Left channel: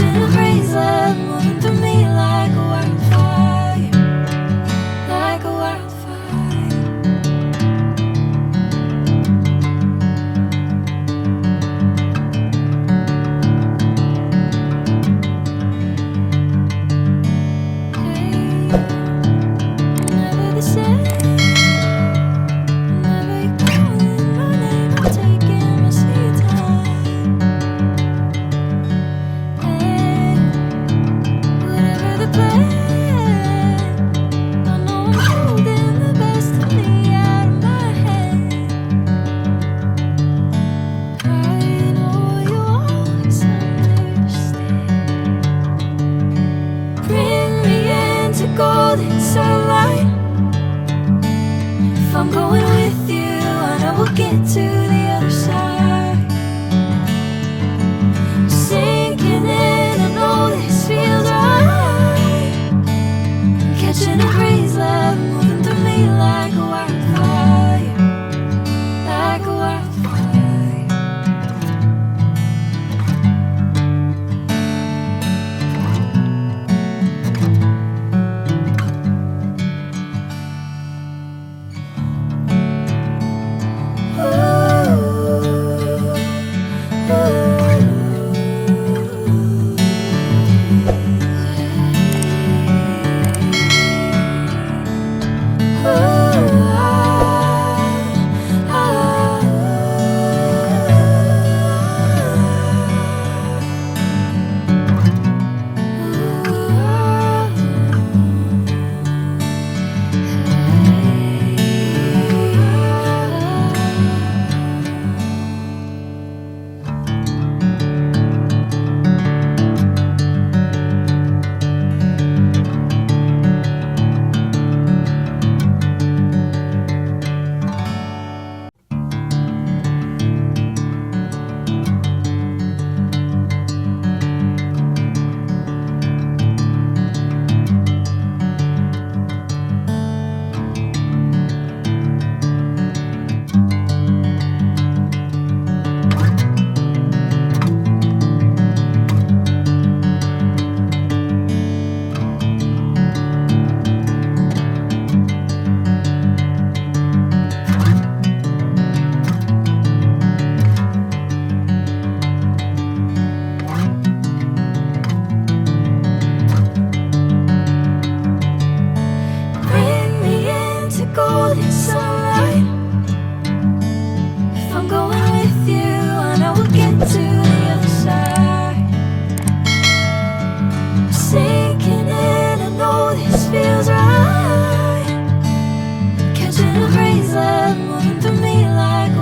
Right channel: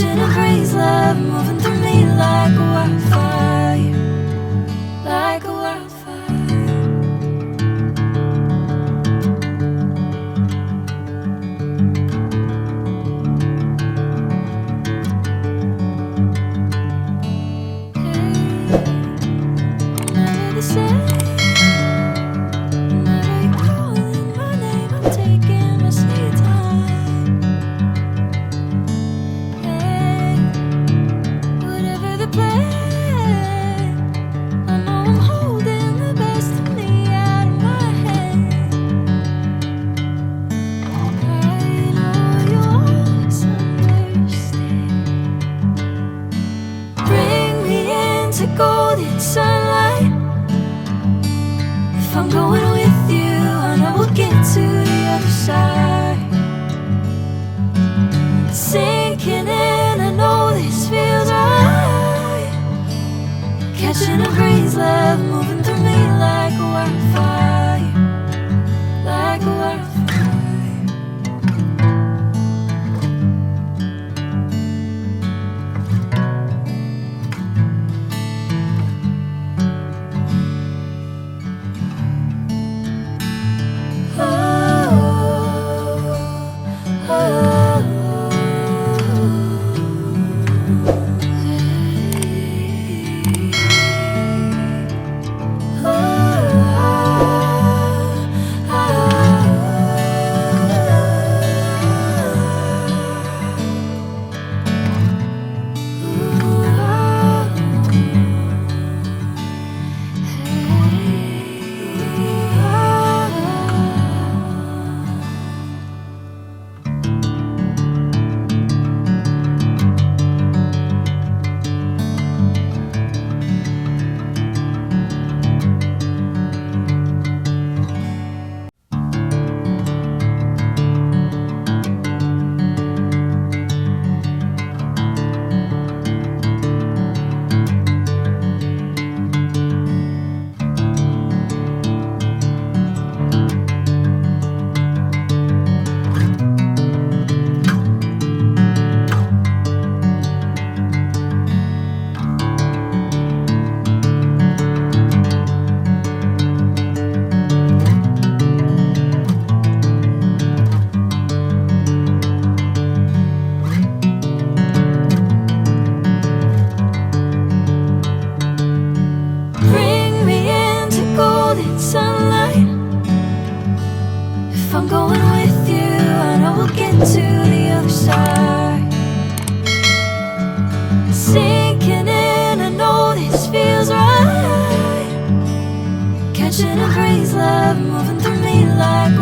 Catching a craze love moving through me like a wildfire, like a wildfire. Hey, never the same. Whenever you're calling my name, I'm taking my sweet time. Hey, whatever the plan, I know I'm holding the best of me out of my hand. I know you always understand. Bring me into golden sunlight. If I'm going with you, I know we'll get to the other side. Sinking in, I know this feels right. Catching a craze love moving through me like a wildfire, like a wildfire. Bring me into golden sunlight. If I'm going with you, I know we'll get to the other side. Sinking in, I know this feels right. Catching a craze love moving through me like